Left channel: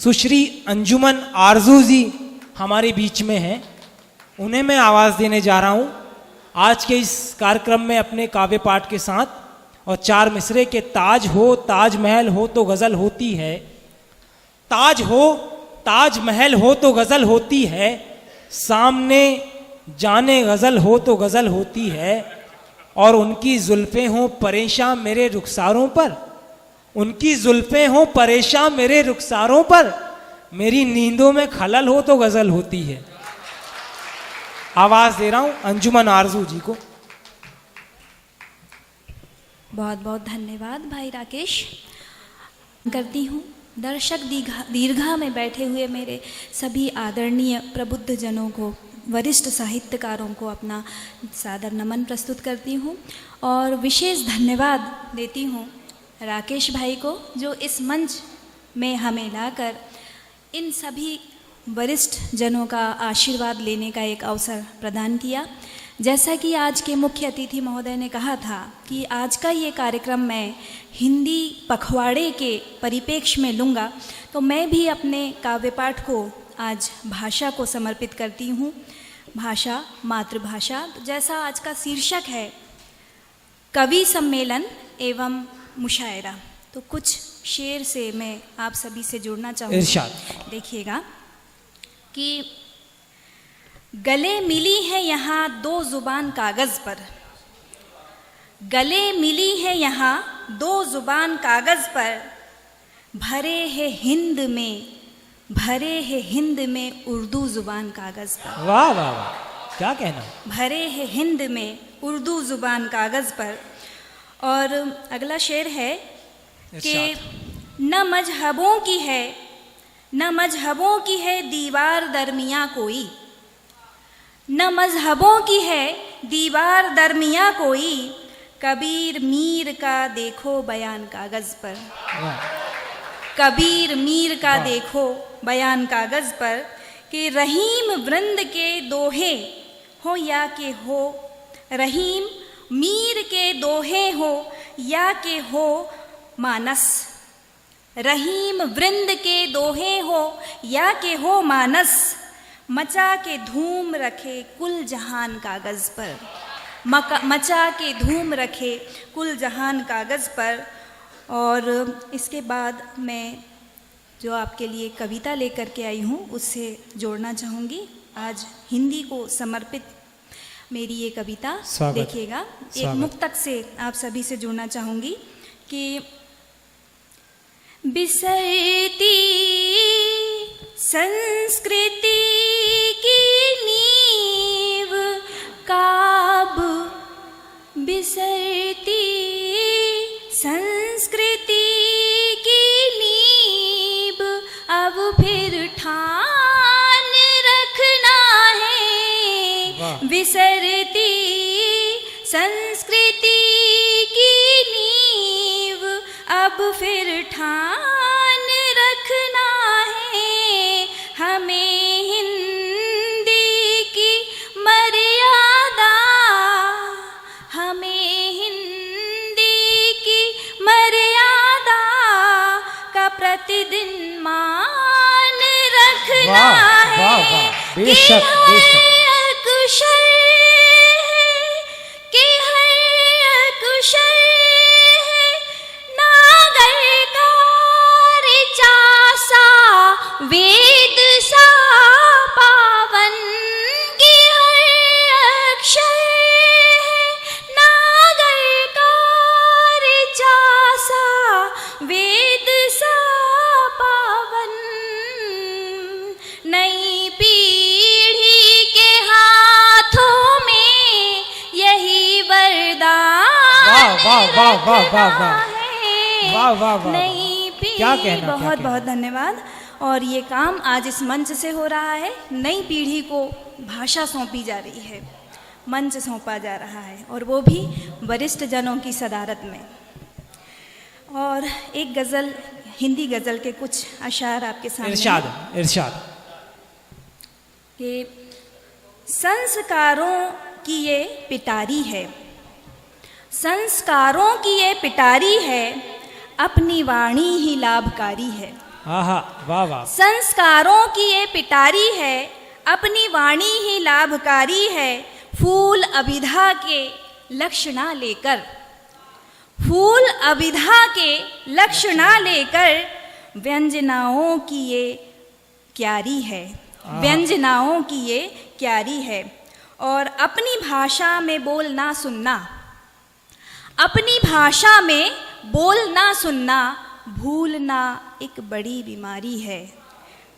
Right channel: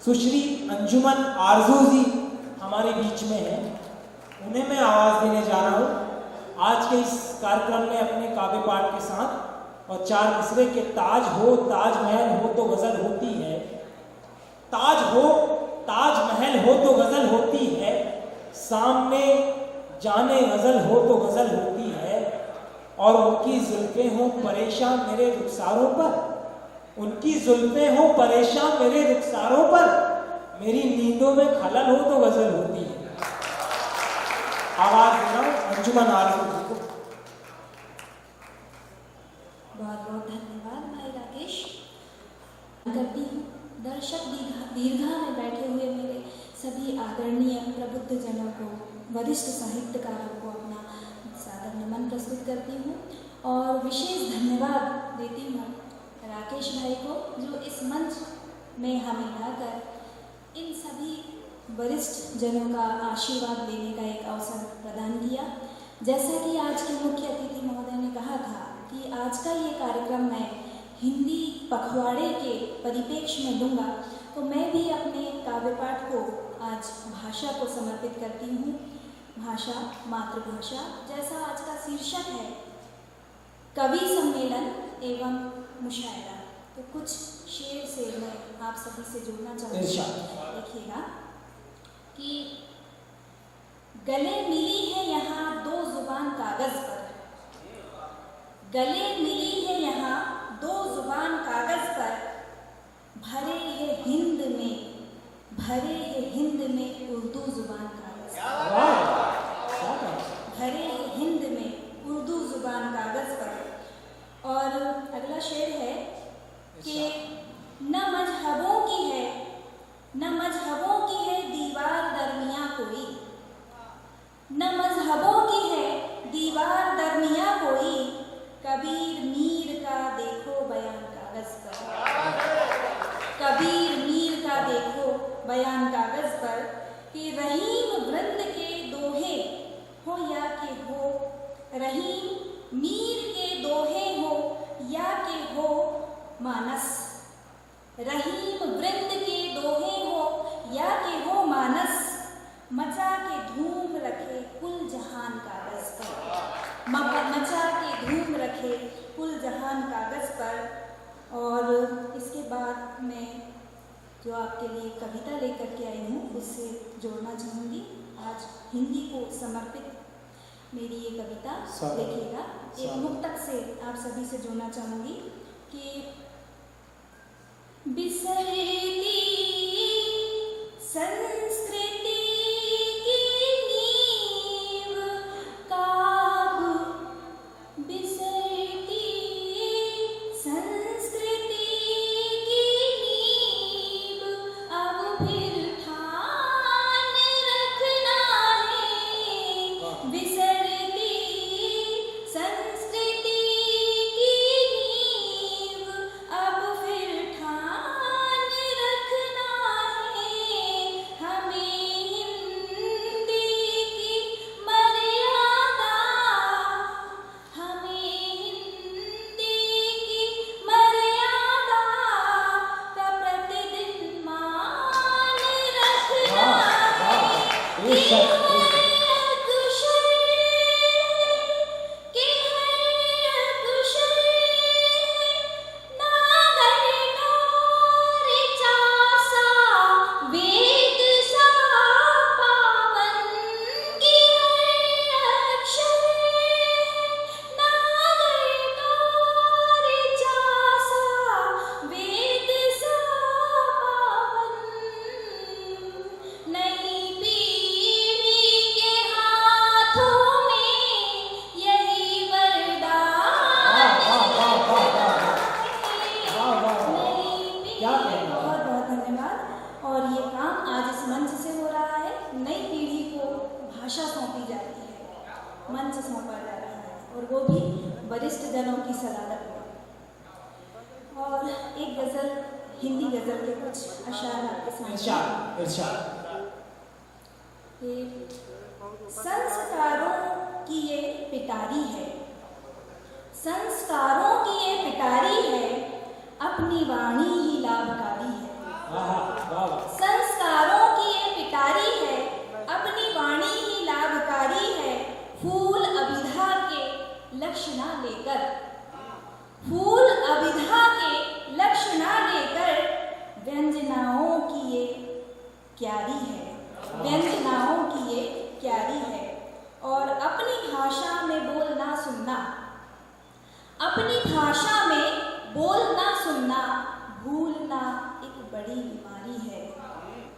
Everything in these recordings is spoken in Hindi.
सुश्री अंजुमन आरजू जी हमारे बीच में हैं, उन्हें मैं आवाज़ देने जा रहा हूँ आज के इस कार्यक्रम में अपने काव्य पाठ के साथ। और चार मिसरे के ताज हो ताजमहल हो तो गज़ल होती है, ताज हो ताजमहल हो तो गज़ल होती है, सामने जाने गज़ल हो तो गज़ल होती है। और उनकी जुल्फ़ें हों परेशान मेरे रुखसारों पर, उनकी जुल्फ़ें हों परेशान मेरे रुखसारों पर, मेरी नींदों में खलल हो तो गज़ल होती है। आवाज़ दे रहा हूँ अंजुमन आरजू जी को। बहुत बहुत धन्यवाद भाई राकेश। करती हूँ दर्शक दीर्घा में बैठे हुए मेरे सभी आदरणीय प्रबुद्ध जनों को, वरिष्ठ साहित्यकारों को अपना सादर नमन प्रस्तुत करती हूँ। और विशेष धन्यवाद देती हूँ राकेश भाई को, जो इस मंच में हमें लाकर इन सभी वरिष्ठ जनों का आशीर्वाद लेने का एक अवसर प्रदान किया। जैसा कि आज के मुख्य अतिथि महोदय ने कहा था कि आज का ये कार्यक्रम मैं हिंदी पखवाड़े के परिप्रेक्ष्य में लूँगा, तो मैं भी अपने काव्य पाठ को आज भाषा को समर्पित करती हूँ। भाषा मातृभाषा, तो जैसा आज का शीर्षक है कवि सम्मेलन एवं मुशायरा, तो कुछ शेर से मैं आप सभी से जुड़ना चाहूँगी। देखिएगा कि गले मिली है यहाँ दो जुबान कागज़ पर, गले मिली है यहाँ दो जुबान कागज़ पर, भरे है हिंद में, भरे है हिंद में उर्दू जुबान कागज़ पर। वाह वाह, क्या कहना। भरे है हिंद में उर्दू जुबान कागज़ पर। और अगला शेर है कि न मजहबों की है, न मजहबों की है दीवार दरमिया कोई, न मजहबों की है दीवार दरमिया कोई, कबीर मीर का देखो बयान कागज़ पर, कबीर मीर का देखो बयान कागज़ पर, कि रहीम वृंद के दोहे हो या के हो, रहीम मीर के दोहे हो या के हो मानस, रहीम वृंद के दोहे हो या के हो मानस, मचा के धूम रखे कुल जहान कागज़ पर, मचा के धूम रखे कुल जहान कागज़ पर। और इसके बाद मैं जो आपके लिए कविता लेकर के आई हूँ उससे जोड़ना चाहूँगी। आज हिंदी को समर्पित मेरी ये कविता देखिएगा, एक मुक्तक से आप सभी से जुड़ना चाहूँगी कि बिसरती संस्कृति की नींव काब, बिसरती संस्कृति की नींव अब फिर ठान रखना है, बिसरती संस्कृति की नींव अब फिर ठान रखना है, हमें हिंदी की मर्यादा, हमें हिंदी की मर्यादा का प्रतिदिन मान रखना है, बेशक बेशक वेद सा पावन की हर अक्षर है, नागर का ऋचा सा वेद सा पावन, नई पीढ़ी के हाथों में यही वरदान क्या कहना। बहुत बहुत धन्यवाद। और ये काम आज इस मंच से हो रहा है, नई पीढ़ी को भाषा सौंपी जा रही है, मंच सौंपा जा रहा है, और वो भी वरिष्ठ जनों की सदारत में। और एक गज़ल, हिंदी गज़ल के कुछ अशार आपके सामने। इरशाद इरशाद। कि संस्कारों की ये पिटारी है, संस्कारों की ये पिटारी है, अपनी वाणी ही लाभकारी है। आहा, वाह वाह। संस्कारों की ये पिटारी है, अपनी वाणी ही लाभकारी है। फूल अभिधा के लक्ष्य ना लेकर, फूल अभिधा के लक्ष्य ना लेकर व्यंजनाओं की ये क्यारी है, व्यंजनाओं की ये क्यारी है। और अपनी भाषा में बोलना सुनना, अपनी भाषा में बोलना सुनना, भूलना एक बड़ी बीमारी है।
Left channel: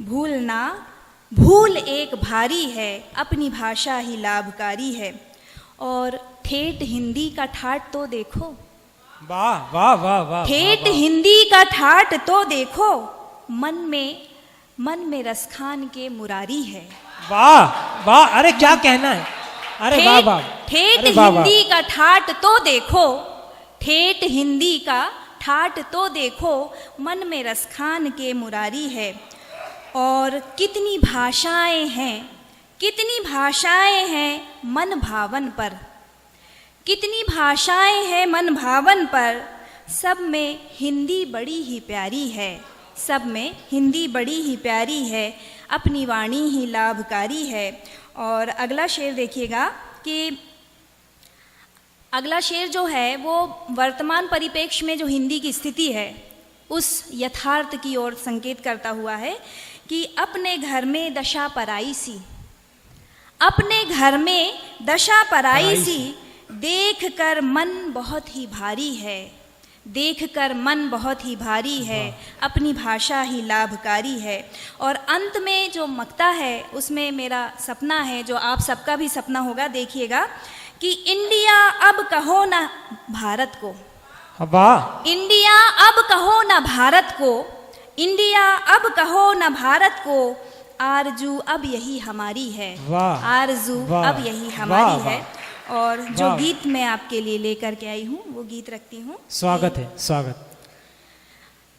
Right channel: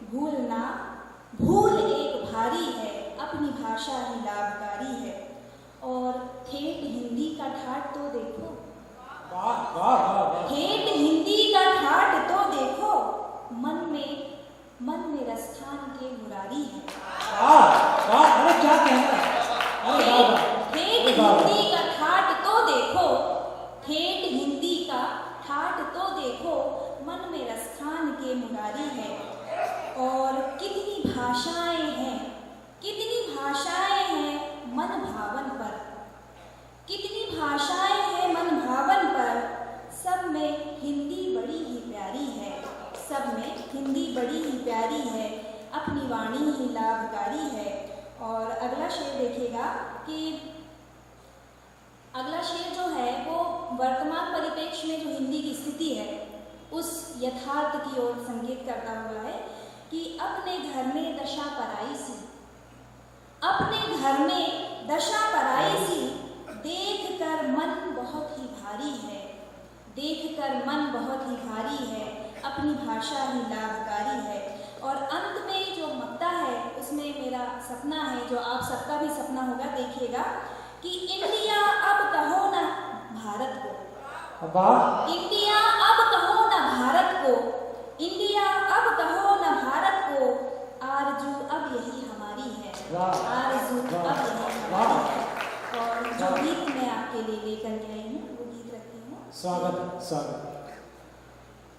भूलना, भूल एक भारी है, अपनी भाषा ही लाभकारी है। और ठेठ हिंदी का ठाट तो देखो, वाह वाह वाह वाह। ठेठ हिंदी का ठाट तो देखो, मन में रसखान के मुरारी है। वाह वाह, अरे क्या कहना है, अरे वाह वाह। ठेठ हिंदी का ठाट तो देखो, ठेठ हिंदी का ठाट तो देखो, मन में रसखान के मुरारी है। और कितनी भाषाएं हैं, कितनी भाषाएं हैं मन भावन पर, कितनी भाषाएं हैं मन भावन पर। सब में हिंदी बड़ी ही प्यारी है, सब में हिंदी बड़ी ही प्यारी है, अपनी वाणी ही लाभकारी है। और अगला शेर देखिएगा कि अगला शेर जो है वो वर्तमान परिप्रेक्ष्य में जो हिंदी की स्थिति है उस यथार्थ की ओर संकेत करता हुआ है कि अपने घर में दशा पराई सी, अपने घर में दशा पराई सी, देख कर मन बहुत ही भारी है, देख कर मन बहुत ही भारी है, अपनी भाषा ही लाभकारी है। और अंत में जो मक्ता है उसमें मेरा सपना है, जो आप सबका भी सपना होगा, देखिएगा कि इंडिया अब कहो ना भारत को, इंडिया अब कहो ना भारत को, इंडिया अब कहो ना भारत को, आरजू अब यही हमारी है, आरजू अब यही हमारी है। और जो गीत मैं आपके लिए लेकर के आई हूँ वो गीत रखती हूँ। स्वागत है, स्वागत।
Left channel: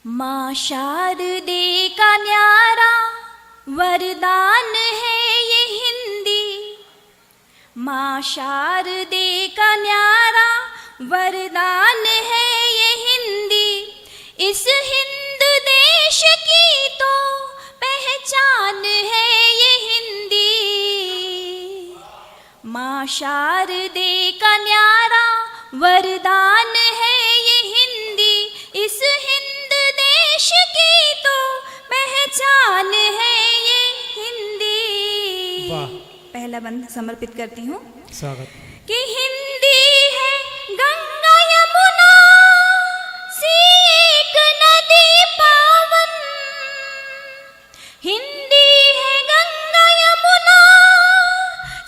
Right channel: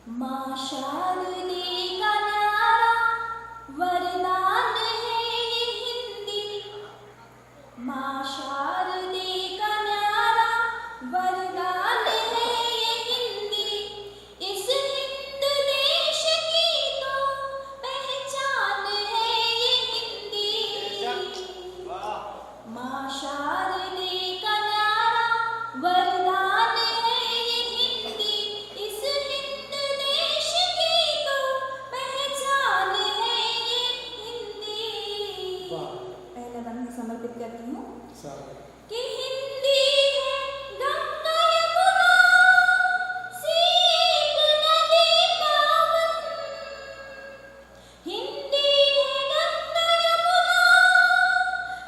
माँ शारदे का न्यारा वरदान है ये हिंदी, माँ शारदे का न्यारा वरदान है ये हिंदी, इस हिंद देश की तो पहचान है ये हिंदी। माँ शारदे का न्यारा वरदान है ये हिंदी, इस हिंद देश की तो पहचान है ये हिंदी। पहला बंद समर्पित करती हूँ कि हिंदी है गंगा यमुना सी एक नदी पावन, हिंदी है गंगा यमुना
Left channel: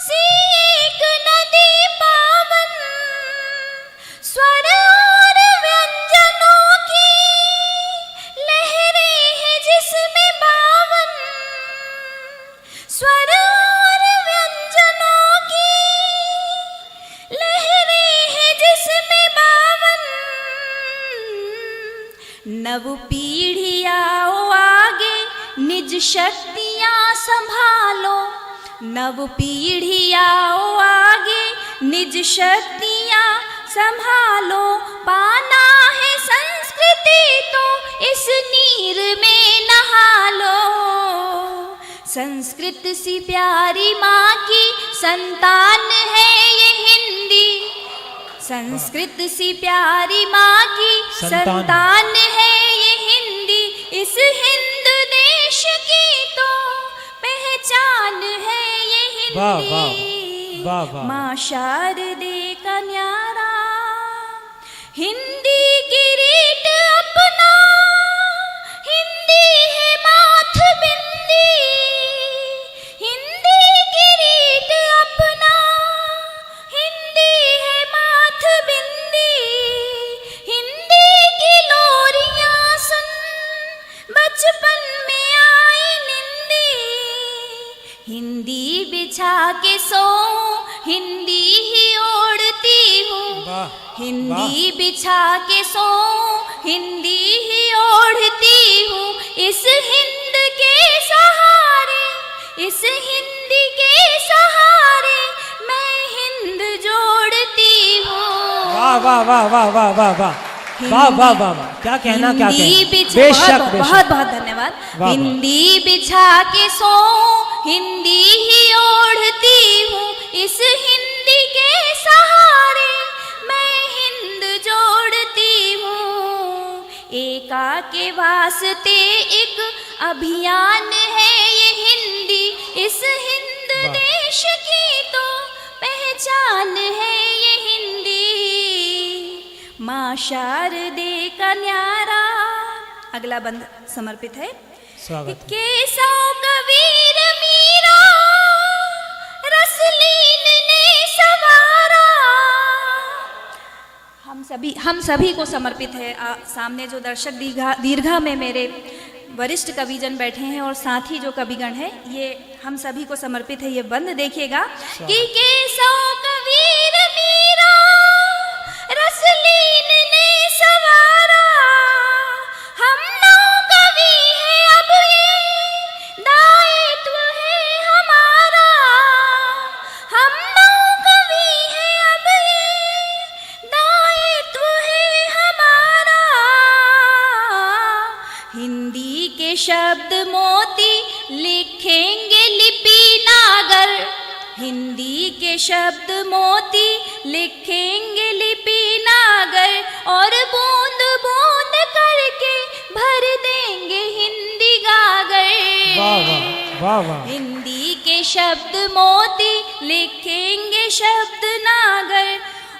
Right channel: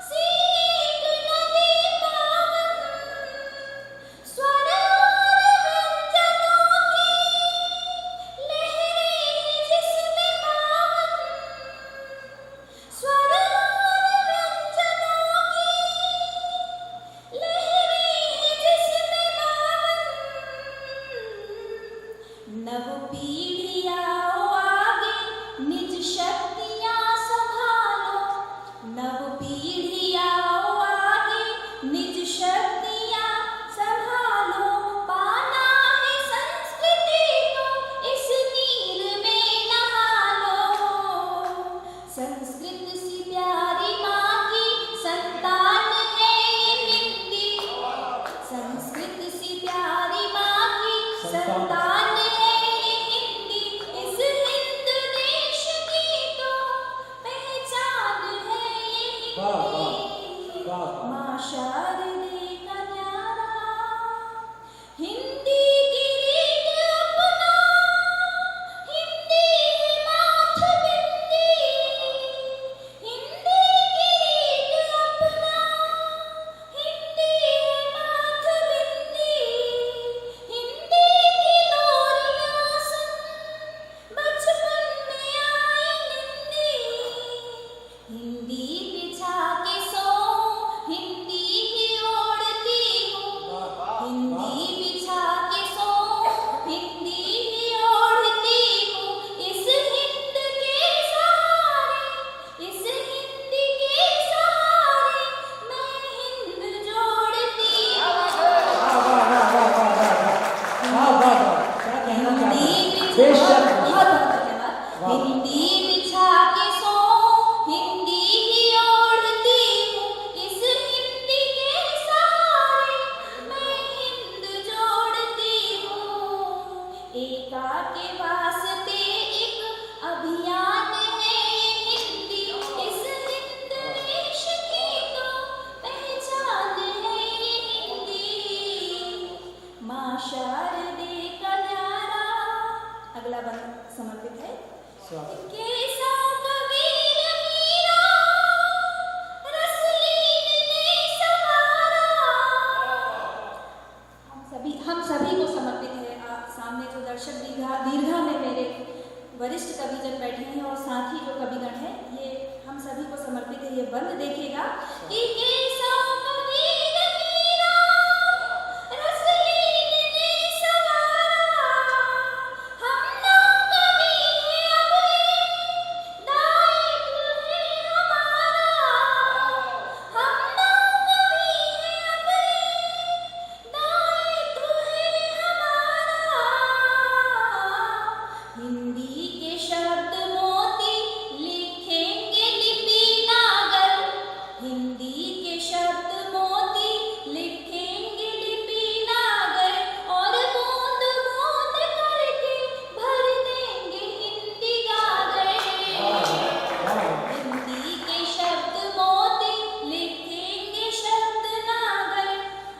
सी एक नदी पावन, स्वर और व्यंजनों की लहरें हैं जिसमें बावन, स्वर और व्यंजनों की लहरें हैं जिसमें बावन। नव पीढ़ी आओ आगे निज शक्तियाँ संभालो, नव पीढ़ी आओ आगे निज शक्तियाँ संभालो, पाना है संस्कृति तो इस नीर में नहा लो। संस्कृत सी प्यारी माँ की संतान है ये हिंदी, संस्कृत सी प्यारी माँ की संतान है ये हिंदी, इस हिंद देश की तो पहचान है ये हिंदी। माँ शारदे का न्यारा हिंदी किरीट अपना, हिंदी है माथ बिंदी, हिंदी किरीट अपना, हिंदी है माथ बिंदी, हिंदी की लोरियां सुन बचपन में आई निंदी, हिंदी बिछा के सो हिंदी ही ओढ़ती हूँ, हिंदी बिछा के सो हिंदी ही ओढ़ती हूँ, इस हिंद के सहारे, इस हिंदी के सहारे मैं हिंद जोड़ती हूँ। वाह वाह वाह वाह वाह वाह वाह वाह वाह वाह, क्या कहना, क्या कहना। बेशक, बहुत बहुत धन्यवाद। वाह। हिंदी बिछा के सोऊं, हिंदी ही ओढ़ती हूँ, इस हिंदी के सहारे मैं हिंद जोड़ती हूँ। एका के वास्ते एक अभियान है ये हिंदी, इस हिंद देश की तो पहचान है ये हिंदी। माँ शारदे का न्यारा, अगला बंद समर्पित है। स्वागत है। केसो कबीर मीरा, रसलीन ने सवारा। हम सभी को समर्पित है। सामने जो दर्शक दीर्घा में मेरे वरिष्ठ कविजन बैठे हैं और साथ ही जो कविगण है, ये हम सभी को समर्पित है। ये बंद देखिएगा कि केसो कबीर मीरा, रसलीन ने सवारा। हम नौ कवि हैं, अब ये दायित्व है हमारा। हम नौ कवि हैं, अब ये दायित्व है हमारा। हिंदी के शब्द मोती लिखेंगे लिपि नागर, हिंदी के शब्द मोती लिखेंगे लिपि नागर, और बूंद बूंद करके भर देंगे हिंदी गागर। वाह वाह वाह वाह। हिंदी के शब्द मोती लिखेंगे शब्द नागर,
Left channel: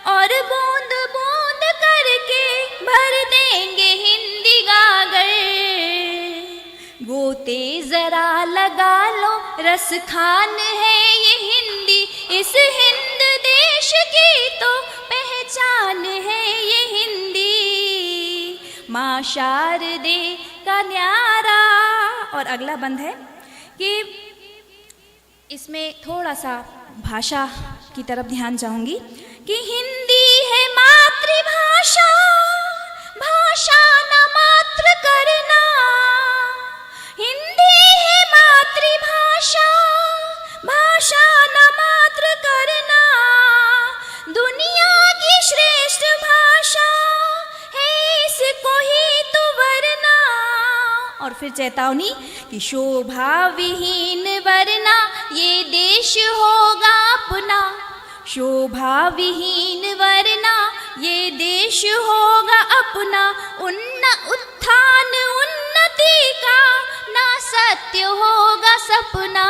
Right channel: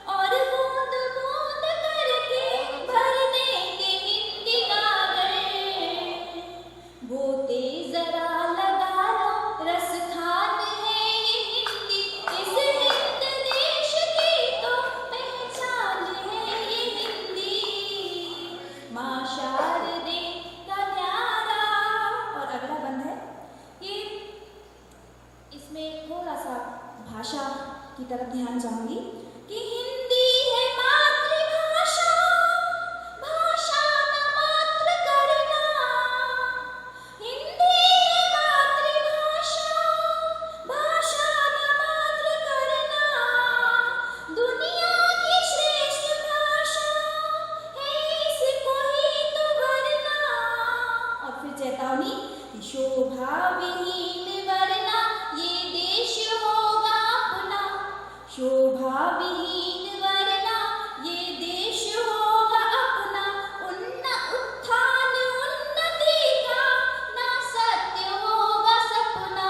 और बूंद बूंद करके भर देंगे हिंदी गागर। गोते जरा लगा लो, रस खान है ये हिंदी, इस हिंद देश की तो पहचान है ये हिंदी। माँ शारदे का न्यारा। और अगला बंद है कि इसमें थोड़ा सा भाषा की तरफ ध्यान चाहूंगी कि हिंदी है मातृभाषा, भाषा न मात्र करना। हिंदी है मातृभाषा, भाषा न मात्र करना। दुनिया की श्रेष्ठ भाषा है, इसको ही तो वरना। और फिर चेतावनी कि शोभा विहीन वरना ये देश होगा अपना। शोभा विहीन वरना ये देश होगा अपना। उत्थान उन्नति का ना सत्य होगा सपना।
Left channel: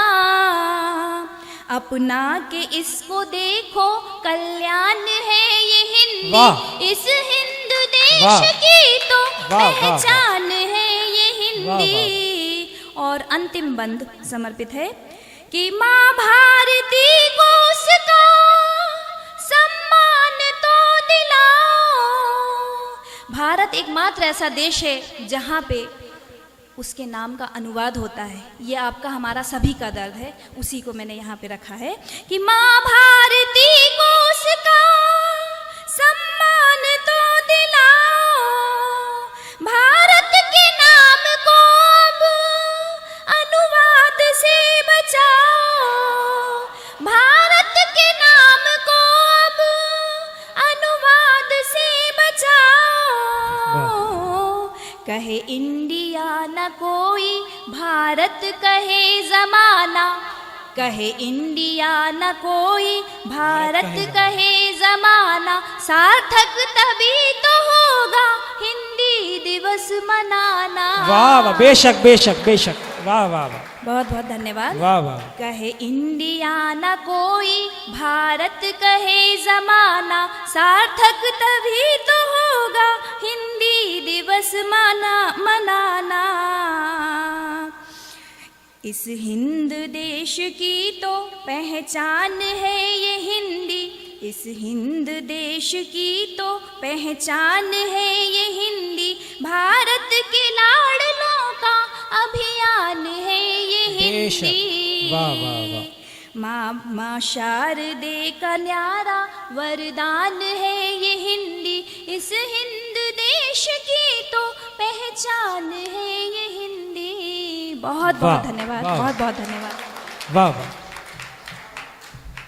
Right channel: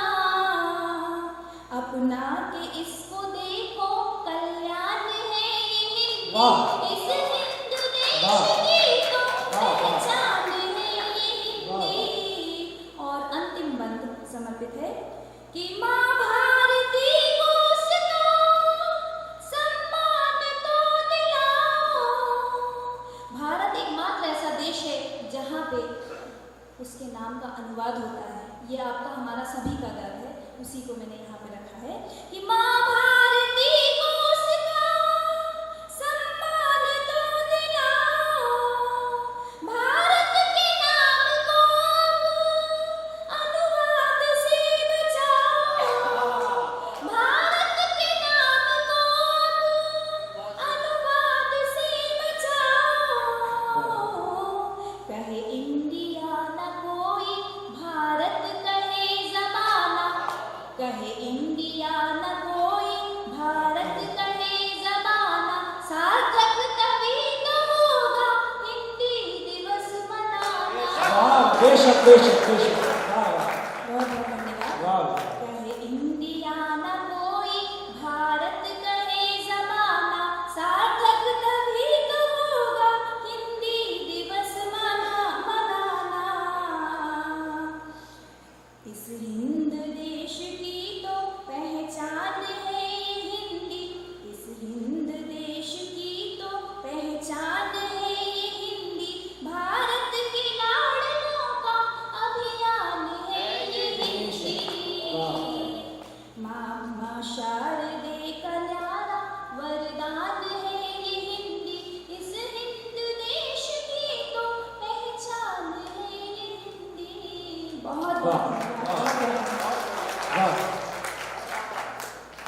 अपना के इसको देखो, कल्याण है ये हिंदी, वाह। इस हिंद देश वाह। की तो वाह, वाह, वाह। पहचान है ये हिंदी। वाह, और अंतिम बंद समर्पित है कि माँ भारती को उसका सम्मान तो दिलाओ। भारत एकमात्र ऐसा देश है जहाँ पे उसके नाम का अनुवाद होता है। ये आपका हमारा सभी का दर्द है, उसी को मैंने यहाँ पे रखा है कि माँ भारती को उसका सम्मान तो दिलाओ। भारत के नाम को अब अनुवाद से बचाओ। भारत के नाम को अब अनुवाद से बचाओ। कहे इंडिया न कोई, भारत कहे जमाना। कहे इंडिया न कोई, भारत कहे जमाना। सार्थक तभी तो होगा हिंदी दिवस मनाना। वाह वाह, बेशक बेशक बेशक। वाह वाह बहुत बहुत धन्यवाद। वाह वाह। कहे इंडिया न कोई, भारत कहे जमाना। सार्थक तभी तो होगा हिंदी दिवस मनाना। इस हिंद देश की तो पहचान है ये हिंदी, इस हिंद देश की तो पहचान है ये हिंदी। भारत के लाडलों का अभियान है ये बेशक। हिंदी। वाह वाह वाह। माँ शारदे का न्यारा वरदान है ये हिंदी, इस हिंद देश की तो पहचान है ये हिंदी। बहुत बहुत वाह, धन्यवाद, वाह। बहुत बहुत धन्यवाद। वाह।